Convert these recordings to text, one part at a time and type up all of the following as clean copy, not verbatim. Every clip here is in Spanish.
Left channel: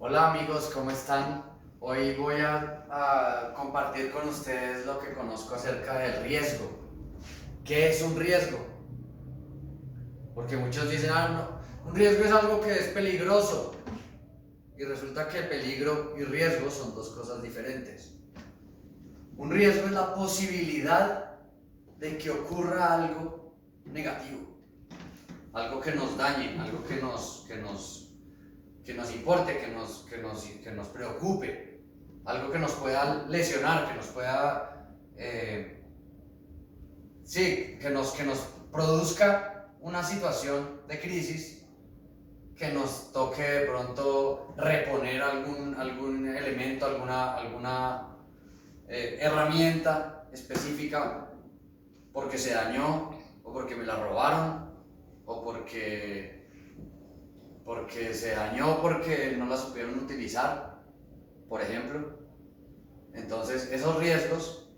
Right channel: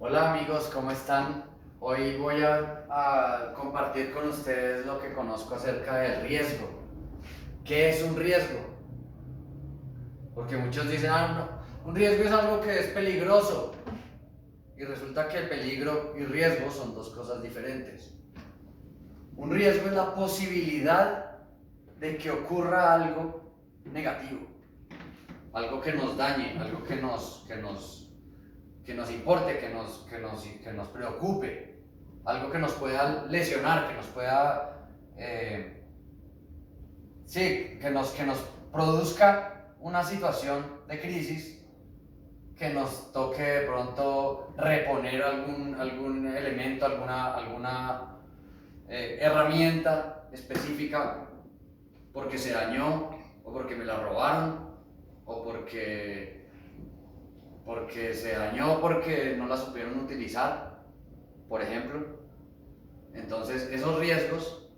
Hola amigos, ¿cómo están? Hoy voy a compartir con ustedes lo que conozco acerca del riesgo. ¿Qué es un riesgo? Porque muchos dicen, no, un riesgo es algo que es peligroso. Y resulta que peligro y riesgo son dos cosas diferentes. Un riesgo es la posibilidad de que ocurra algo negativo, algo que nos dañe, algo que nos importe, que nos preocupe, algo que nos pueda lesionar, que nos pueda, que nos produzca una situación de crisis, que nos toque de pronto reponer algún elemento, alguna herramienta específica porque se dañó o porque me la robaron o porque se dañó porque no la supieron utilizar, por ejemplo. Entonces esos riesgos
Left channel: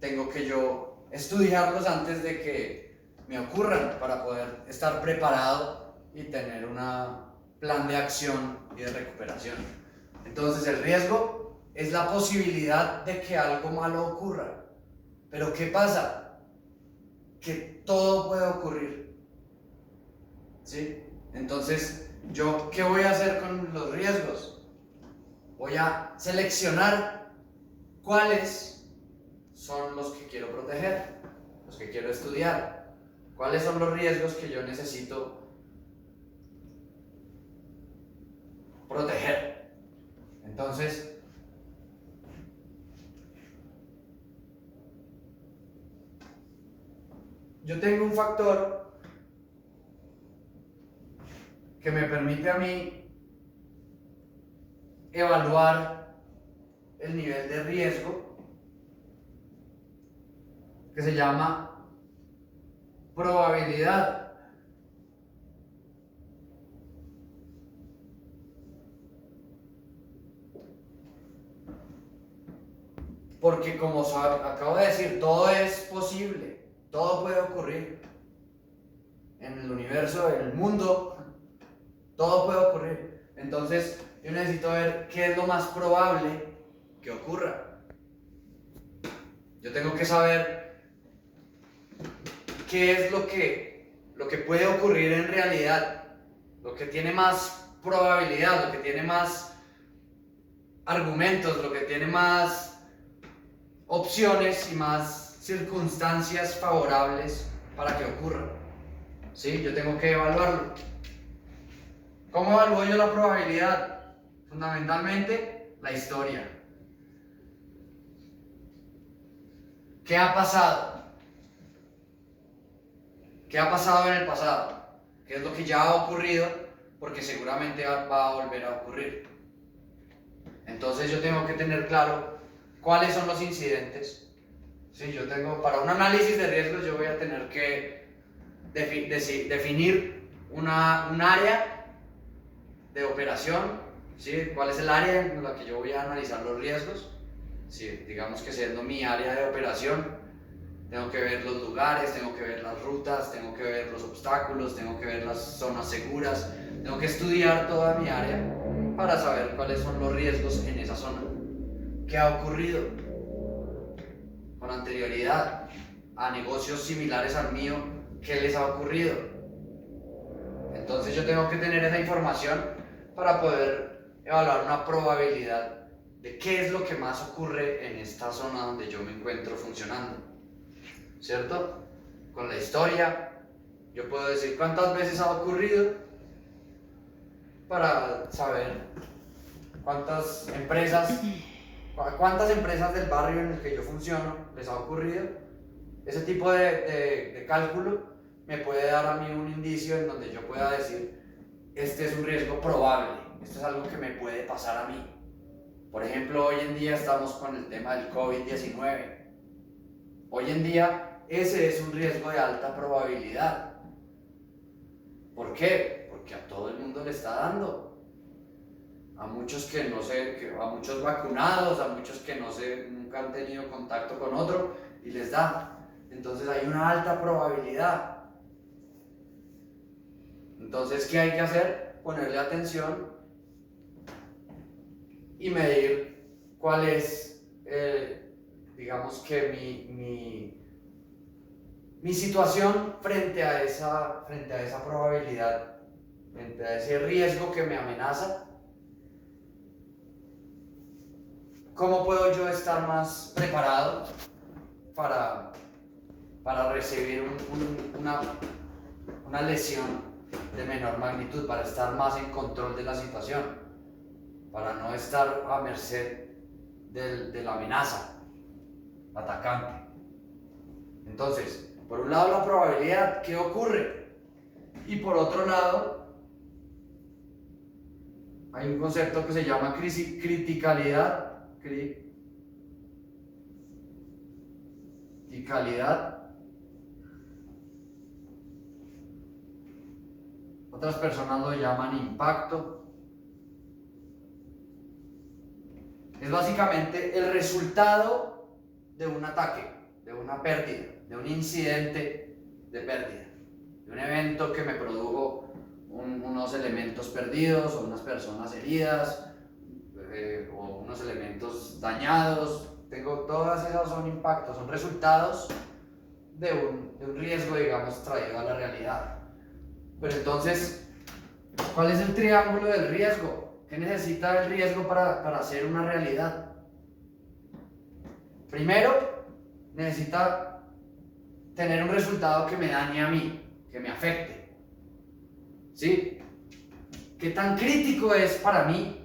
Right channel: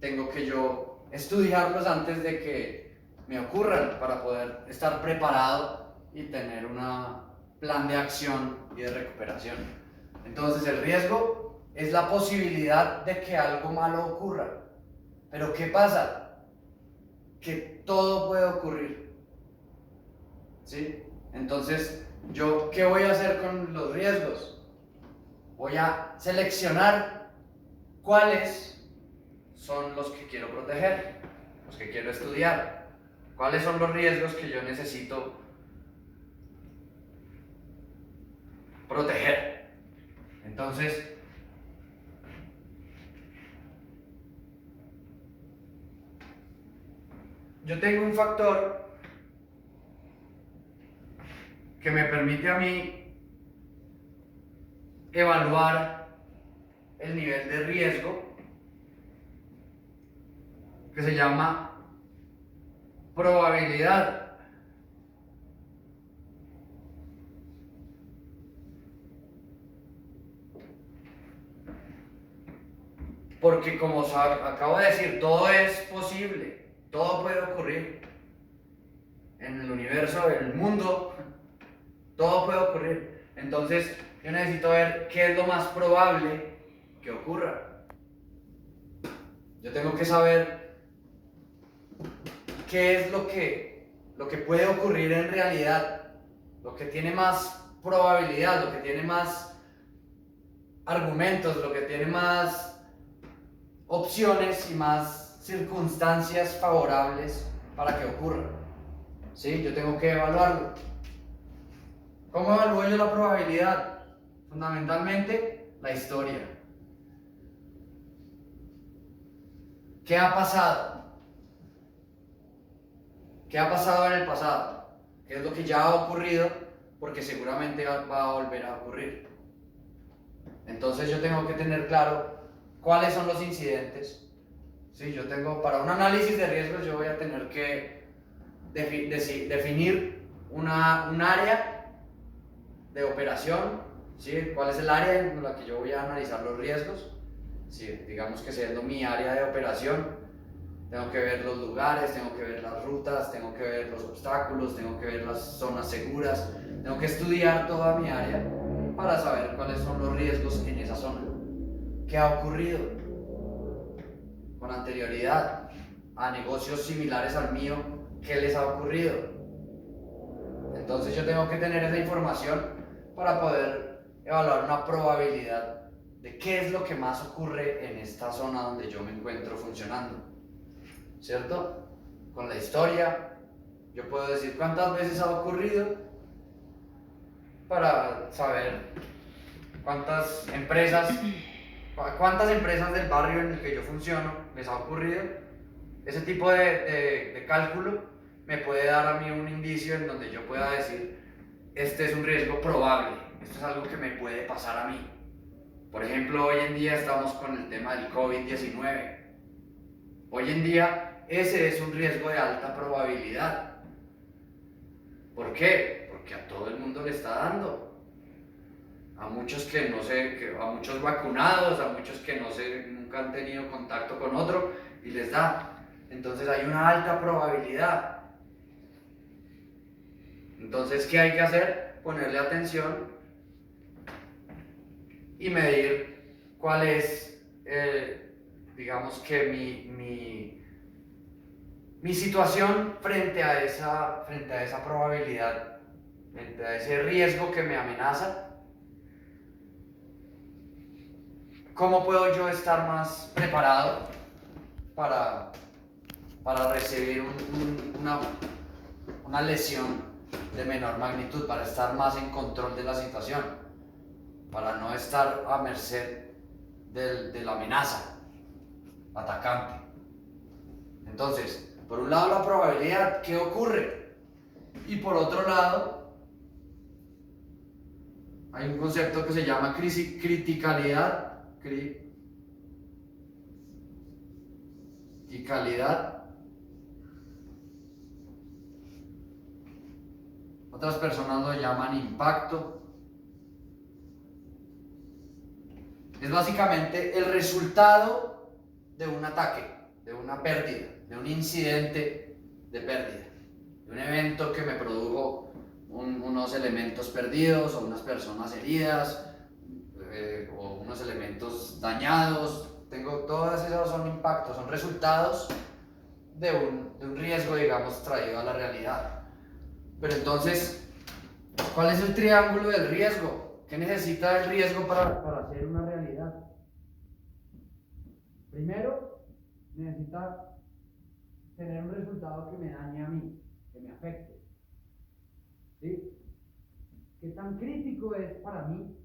tengo que yo estudiarlos antes de que me ocurran para poder estar preparado y tener un plan de acción y de recuperación. Entonces el riesgo es la posibilidad de que algo malo ocurra. Pero ¿qué pasa? Que todo puede ocurrir, ¿sí? Entonces, ¿yo qué voy a hacer con los riesgos? Voy a seleccionar cuáles son los que quiero proteger, los que quiero estudiar, cuáles son los riesgos que yo necesito proteger. Entonces, yo tengo un factor que me permite a mí evaluar el nivel de riesgo, que se llama probabilidad. Porque como acabo de decir, todo es posible, todo puede ocurrir. En el universo, en el mundo, todo puede ocurrir. Entonces, yo necesito ver qué es lo más probable que ocurra. Yo tengo que saber qué es lo que puede ocurrir en realidad, lo que tiene más probabilidad, lo que tiene más argumentos, lo que tiene más opciones y más circunstancias favorables para que ocurra. ¿Sí? Yo tengo que evaluarlo. ¿Cómo evalúo yo la probabilidad? Fundamentalmente, la historia. ¿Qué ha pasado? ¿Qué ha pasado en el pasado? ¿Qué es lo que ya ha ocurrido? Porque seguramente va a volver a ocurrir. Entonces yo tengo que tener claro cuáles son los incidentes. Sí, yo tengo, para un análisis de riesgos yo voy a tener que definir un área de operación, ¿sí? ¿Cuál es el área en la que yo voy a analizar los riesgos? Sí, digamos que siendo mi área de operación, tengo que ver los lugares, tengo que ver las rutas, tengo que ver los obstáculos, tengo que ver las zonas seguras, tengo que estudiar toda mi área para saber cuáles son los riesgos en esa zona. ¿Qué ha ocurrido con anterioridad a negocios similares al mío? ¿Qué les ha ocurrido? Entonces yo tengo que tener esa información para poder evaluar una probabilidad de qué es lo que más ocurre en esta zona donde yo me encuentro funcionando, ¿cierto? Con la historia, yo puedo decir cuántas veces ha ocurrido para saber cuántas empresas del barrio en el que yo funciono les ha ocurrido. Ese tipo de cálculo me puede dar a mí un indicio en donde yo pueda decir, este es un riesgo probable, esto es algo que me puede pasar a mí. Por ejemplo, hoy en día estamos con el tema del COVID-19. Hoy en día ese es un riesgo de alta probabilidad. ¿Por qué? Porque a todo el mundo le está dando. A muchos que no sé, a muchos vacunados, a muchos que no sé, nunca han tenido contacto con otro y les da. Entonces hay una alta probabilidad. Entonces, ¿qué hay que hacer? Ponerle atención y medir cuál es, digamos que mi situación frente a esa probabilidad, frente a ese riesgo que me amenaza. ¿Cómo puedo yo estar más preparado para recibir una lesión de menor magnitud, para estar más en control de la situación, para no estar a merced de la amenaza atacante? Entonces, por un lado la probabilidad, ¿qué ocurre? Y por otro lado, hay un concepto que se llama criticalidad. Otras personas lo llaman impacto. Es básicamente el resultado de un ataque, de una pérdida, de un incidente de pérdida, de un evento que me produjo unos elementos perdidos o unas personas heridas, o unos elementos dañados. Todas esas son impactos, son resultados de un riesgo, digamos, traído a la realidad. Pero entonces, ¿cuál es el triángulo del riesgo? ¿Qué necesita el riesgo para hacer una realidad? Primero, necesita tener un resultado que me dañe a mí, que me afecte. ¿Sí? ¿Qué tan crítico es para mí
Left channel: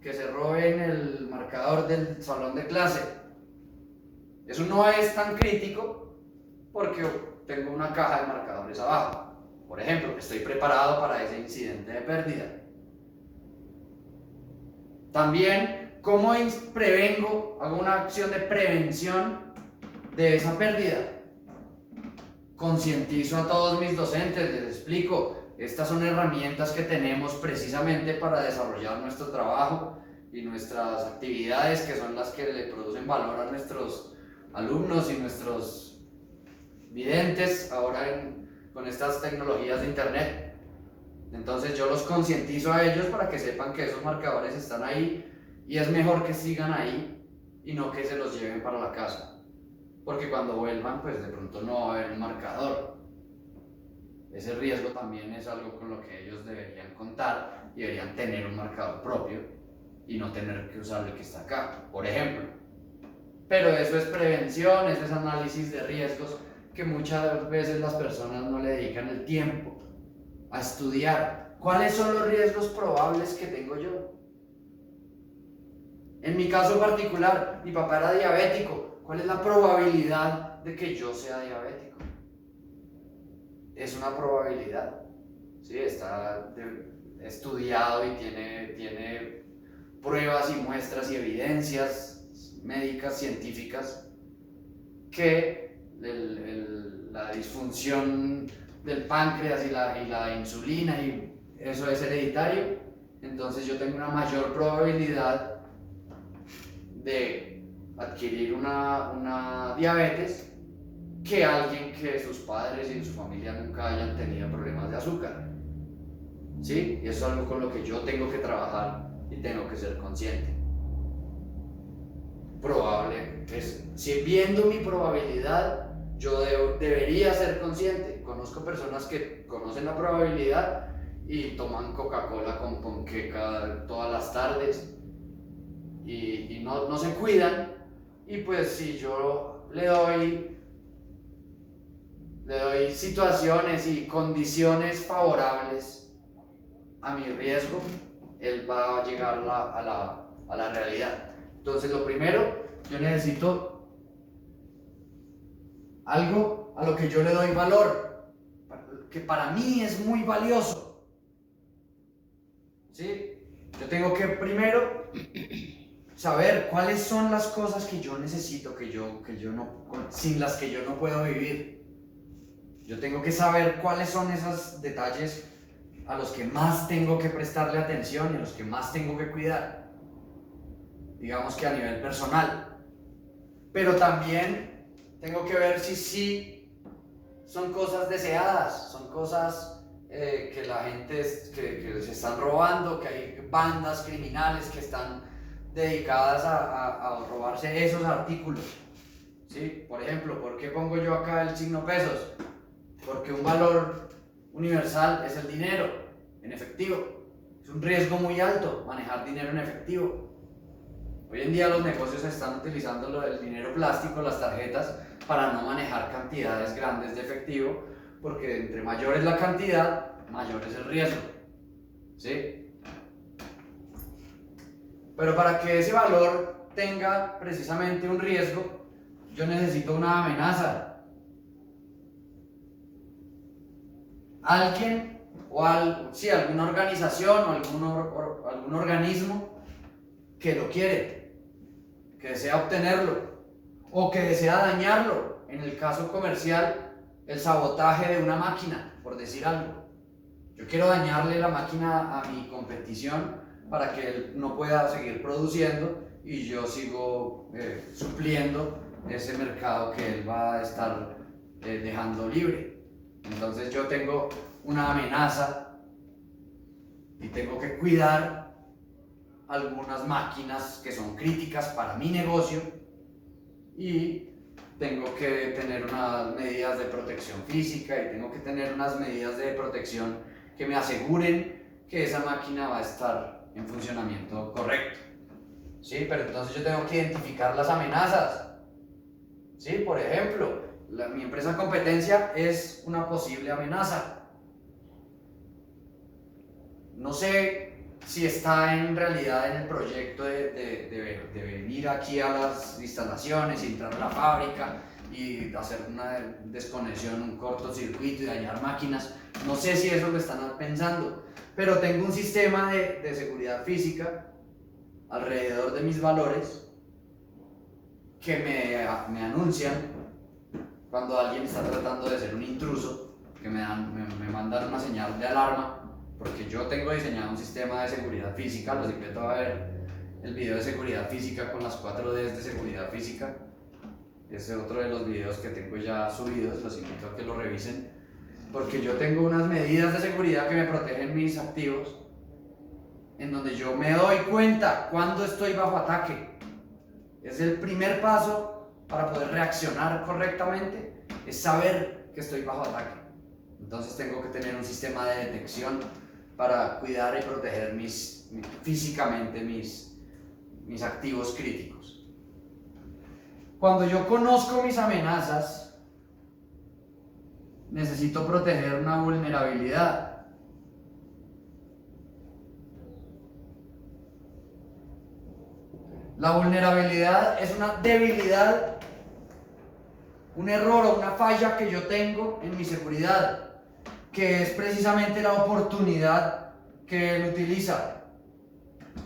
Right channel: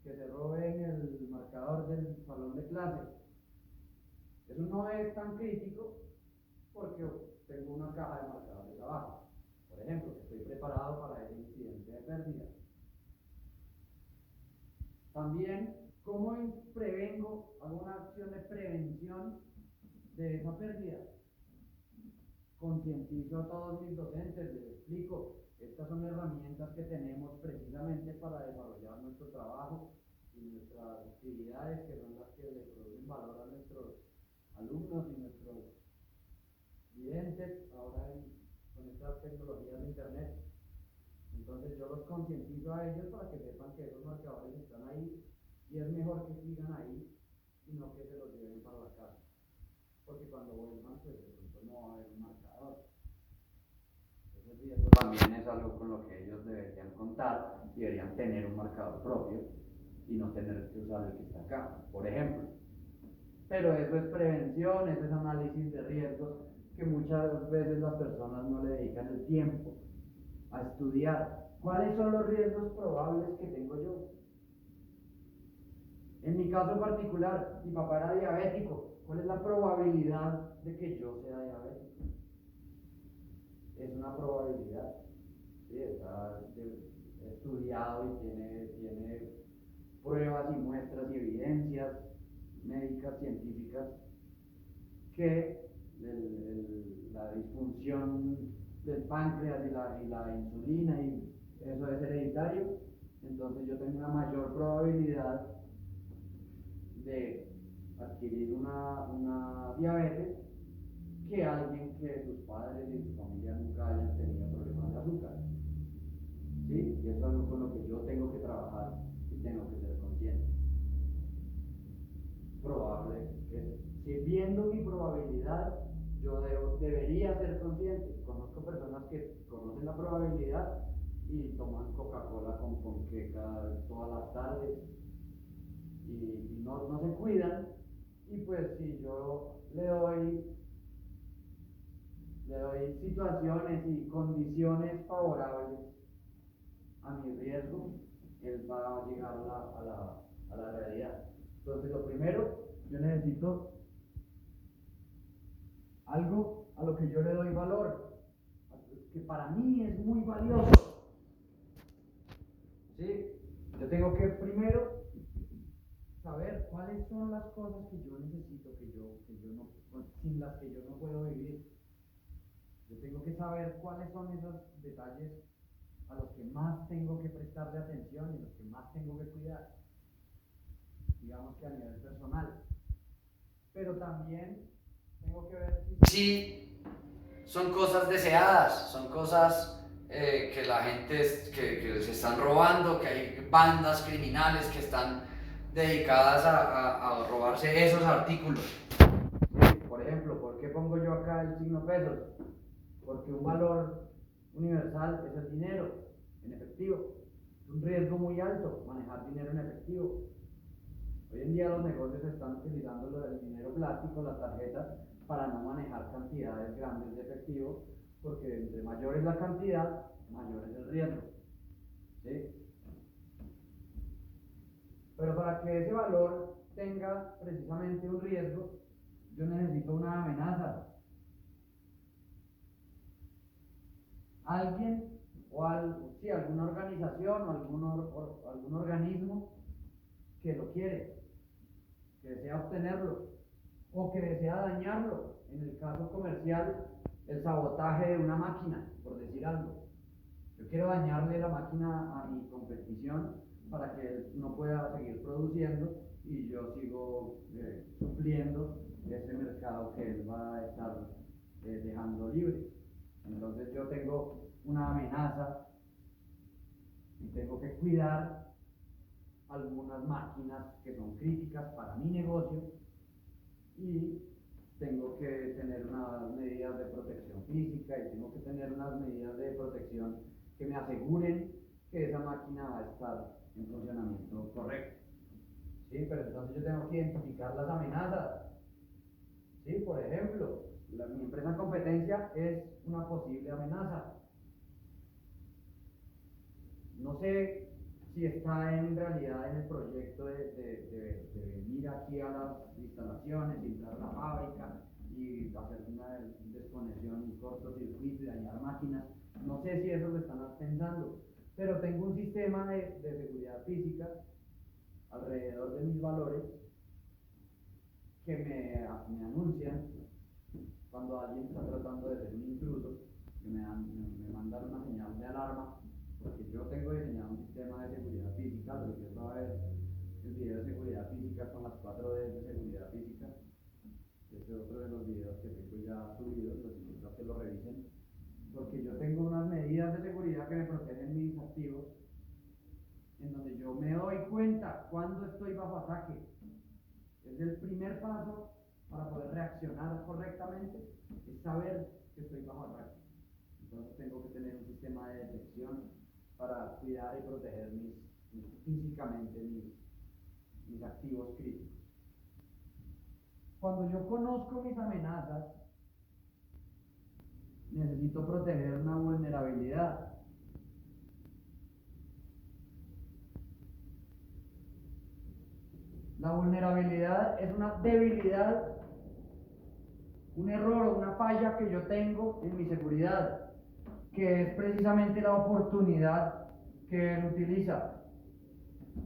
que se roben el marcador del salón de clase? Eso no es tan crítico porque tengo una caja de marcadores abajo. Por ejemplo, estoy preparado para ese incidente de pérdida. También, ¿cómo prevengo? Hago una acción de prevención de esa pérdida. Concientizo a todos mis docentes, les explico, estas son herramientas que tenemos precisamente para desarrollar nuestro trabajo y nuestras actividades, que son las que le producen valor a nuestros alumnos y nuestros videntes ahora con estas tecnologías de internet. Entonces yo los concientizo a ellos para que sepan que esos marcadores están ahí y es mejor que sigan ahí y no que se los lleven para la casa, porque cuando vuelvan pues de pronto no va a haber un marcador. Ese riesgo también es algo con lo que ellos deberían contar y deberían tener un marcador propio y no tener que usar el que está acá, por ejemplo. Pero eso es prevención, eso es análisis de riesgos que muchas veces las personas no le dedican el tiempo a estudiar. ¿Cuáles son los riesgos probables que tengo yo? En mi caso particular, mi papá era diabético. ¿Cuál es la probabilidad de que yo sea diabético? Es una probabilidad, ¿sí? Está estudiado y tiene pruebas y muestras y evidencias médicas, científicas, que la disfunción del páncreas y la insulina y eso es hereditario. Entonces yo tengo una mayor probabilidad de adquirir una diabetes que alguien que sus padres y su familia nunca hayan tenido problemas de azúcar. ¿Sí? Y eso es algo con lo que yo tengo que trabajar y tengo que ser consciente. Probable, si viendo mi probabilidad, yo debería ser consciente. Conozco personas que conocen la probabilidad y toman Coca-Cola con ponqueca todas las tardes y no se cuidan, y pues si yo le doy situaciones y condiciones favorables a mi riesgo, él va a llegar a la realidad. Entonces lo primero, yo necesito algo a lo que yo le doy valor, que para mí es muy valioso. ¿Sí? Yo tengo que primero saber cuáles son las cosas que yo necesito, sin las que yo no puedo vivir. Yo tengo que saber cuáles son esos detalles a los que más tengo que prestarle atención y a los que más tengo que cuidar, digamos que a nivel personal. Pero también tengo que ver si son cosas deseadas, son cosas que la gente que se están robando, que hay bandas criminales que están dedicadas a robarse esos artículos. ¿Sí? Por ejemplo, ¿por qué pongo yo acá el signo pesos? Porque un valor universal es el dinero en efectivo. Es un riesgo muy alto manejar dinero en efectivo. Hoy en día los negocios están utilizando el dinero plástico, las tarjetas, para no manejar cantidades grandes de efectivo, porque entre mayor es la cantidad, mayor es el riesgo. ¿Sí? Pero para que ese valor tenga precisamente un riesgo, yo necesito una amenaza. Alguien o alguna organización o algún organismo que lo quiere, que desea obtenerlo o que desea dañarlo. En el caso comercial, el sabotaje de una máquina, por decir algo. Yo quiero dañarle la máquina a mi competición para que él no pueda seguir produciendo y yo sigo supliendo ese mercado que él va a estar dejando libre. Entonces yo tengo una amenaza y tengo que cuidar algunas máquinas que son críticas para mi negocio y tengo que tener unas medidas de protección física y tengo que tener unas medidas de protección que me aseguren que esa máquina va a estar en funcionamiento correcto. ¿Sí? Pero entonces yo tengo que identificar las amenazas. ¿Sí? Por ejemplo, mi empresa competencia es una posible amenaza. No sé si está en realidad en el proyecto de venir aquí a las instalaciones, entrar a la fábrica y hacer una desconexión, un cortocircuito y dañar máquinas. No sé si eso lo están pensando, pero tengo un sistema de seguridad física alrededor de mis valores que me anuncian cuando alguien está tratando de ser un intruso, que me mandan una señal de alarma, porque yo tengo diseñado un sistema de seguridad física. Los invito a ver el video de seguridad física con las 4 Ds de seguridad física. Ese es otro de los videos que tengo ya subidos, los invito a que lo revisen, porque yo tengo unas medidas de seguridad que me protegen mis activos, en donde yo me doy cuenta cuando estoy bajo ataque. Es el primer paso para poder reaccionar correctamente, es saber que estoy bajo ataque. Entonces tengo que tener un sistema de detección para cuidar y proteger físicamente mis activos críticos. Cuando yo conozco mis amenazas, necesito proteger una vulnerabilidad. La vulnerabilidad es una debilidad, un error o una falla que yo tengo en mi seguridad, que es precisamente la oportunidad que él utiliza.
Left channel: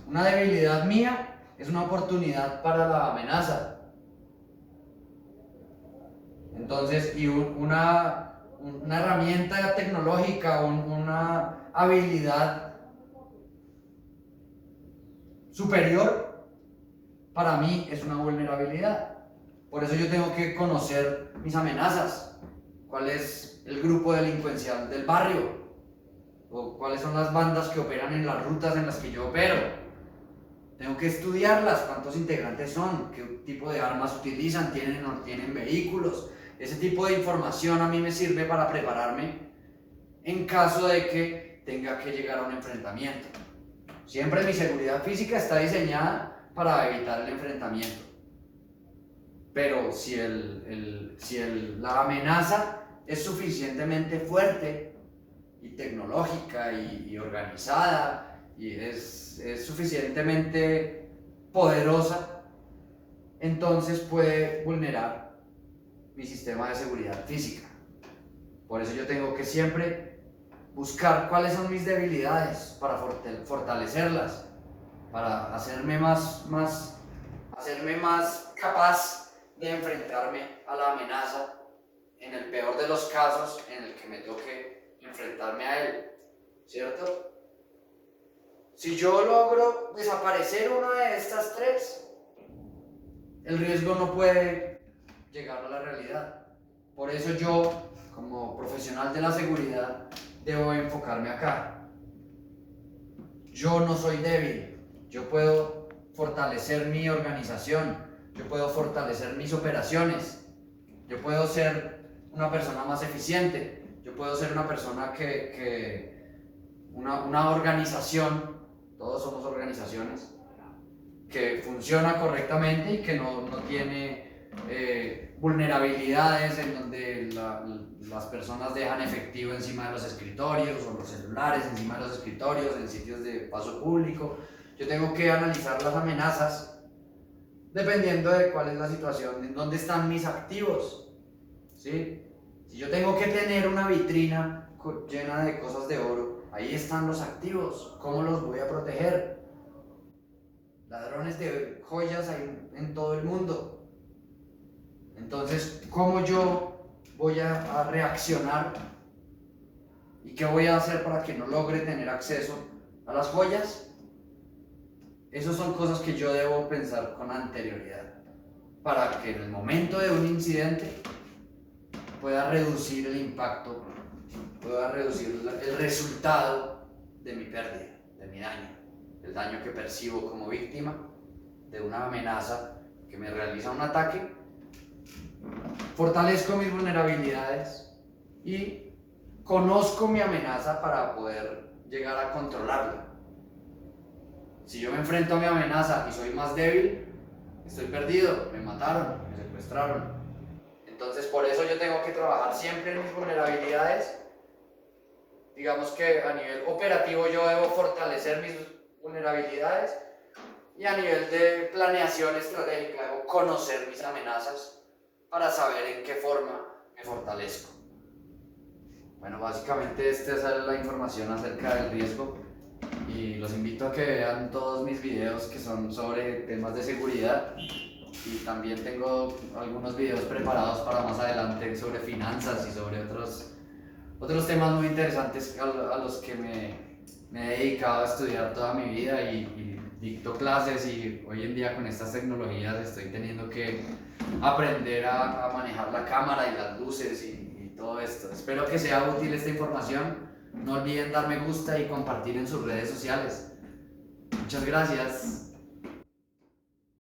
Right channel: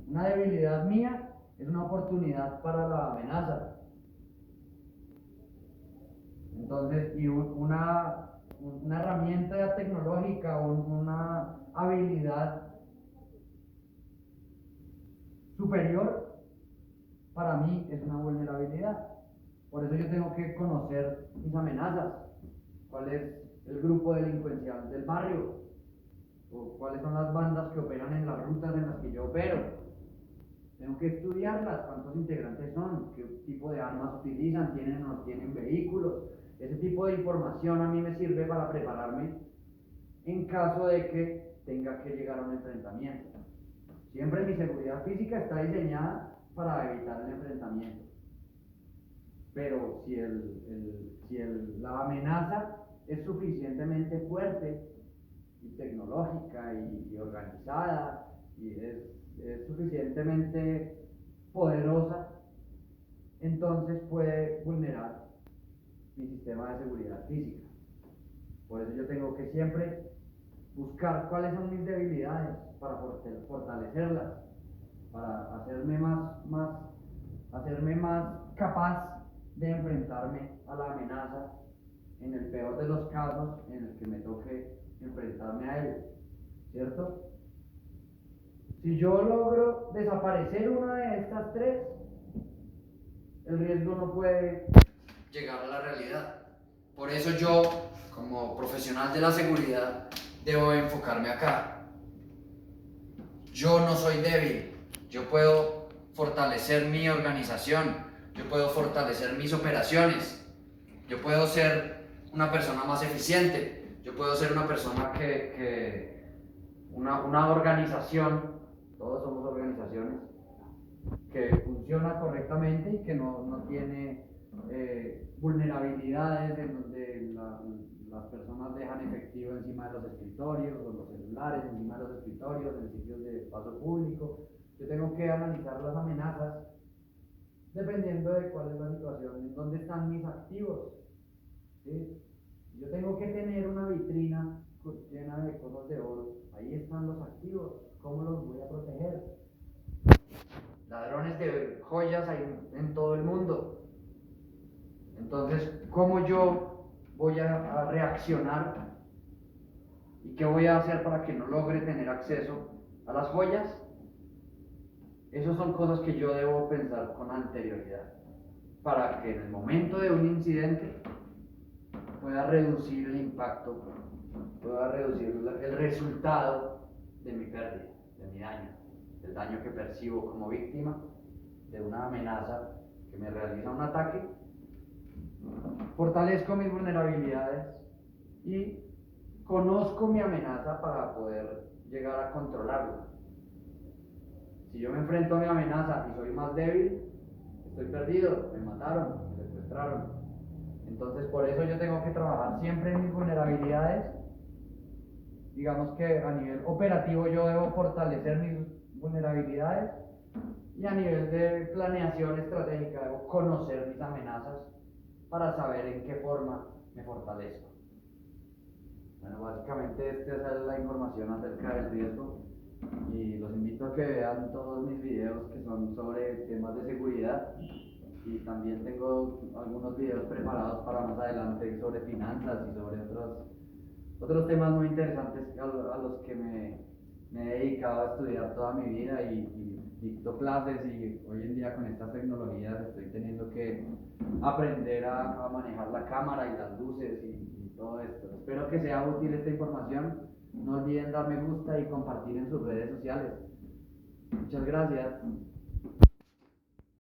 Una debilidad mía es una oportunidad para la amenaza. Entonces, y una herramienta tecnológica, una habilidad superior, para mí es una vulnerabilidad. Por eso yo tengo que conocer mis amenazas. ¿Cuál es el grupo delincuencial del barrio? ¿O cuáles son las bandas que operan en las rutas en las que yo opero? Tengo que estudiarlas, cuántos integrantes son, qué tipo de armas utilizan, tienen o no tienen vehículos. Ese tipo de información a mí me sirve para prepararme en caso de que tenga que llegar a un enfrentamiento. Siempre mi seguridad física está diseñada para evitar el enfrentamiento. Pero si la amenaza es suficientemente fuerte y tecnológica y organizada y es suficientemente poderosa, entonces puede vulnerar mi sistema de seguridad física. Por eso yo tengo que siempre buscar cuáles son mis debilidades para fortalecerlas, para hacerme más capaz de enfrentarme a la amenaza en el peor de los casos en el que me toque enfrentarme a él, ¿cierto? Si yo logro desaparecer una de estas tres, el riesgo no puede llegar a la realidad. Por eso yo, como profesional de la seguridad, debo enfocarme acá. Yo no soy débil, yo puedo fortalecer mi organización, yo puedo fortalecer mis operaciones, yo puedo ser una persona más eficiente, yo puedo ser una persona una organización, todos somos organizaciones, que funciona correctamente y que no tiene vulnerabilidades en donde las personas dejan efectivo encima de los escritorios o los celulares encima de los escritorios en sitios de paso público. Yo tengo que analizar las amenazas dependiendo de cuál es la situación, en dónde están mis activos, ¿sí? Si yo tengo que tener una vitrina llena de cosas de oro, ahí están los activos, ¿cómo los voy a proteger? Ladrones de joyas hay en todo el mundo. Entonces, ¿cómo yo voy a reaccionar? ¿Y qué voy a hacer para que no logre tener acceso a las joyas? Esas son cosas que yo debo pensar con anterioridad, para que en el momento de un incidente pueda reducir el impacto, pueda reducir el resultado de mi pérdida, de mi daño, el daño que percibo como víctima de una amenaza que me realiza un ataque. Fortalezco mis vulnerabilidades y conozco mi amenaza para poder llegar a controlarla. Si yo me enfrento a mi amenaza y soy más débil, estoy perdido, me mataron, me secuestraron. Entonces por eso yo tengo que trabajar siempre en mis vulnerabilidades. Digamos que a nivel operativo yo debo fortalecer mis vulnerabilidades y a nivel de planeación estratégica debo conocer mis amenazas para saber en qué forma me fortalezco. Bueno, básicamente esta es la información acerca del riesgo y los invito a que vean todos mis videos que son sobre temas de seguridad y también tengo algunos videos preparados para más adelante sobre finanzas y sobre otros temas muy interesantes a los que me he dedicado a estudiar toda mi vida y dicto clases, y hoy en día con estas tecnologías estoy teniendo que aprender a manejar la cámara y las luces y todo esto. Espero que sea útil esta información. No olviden dar me gusta y compartir en sus redes sociales. Muchas gracias.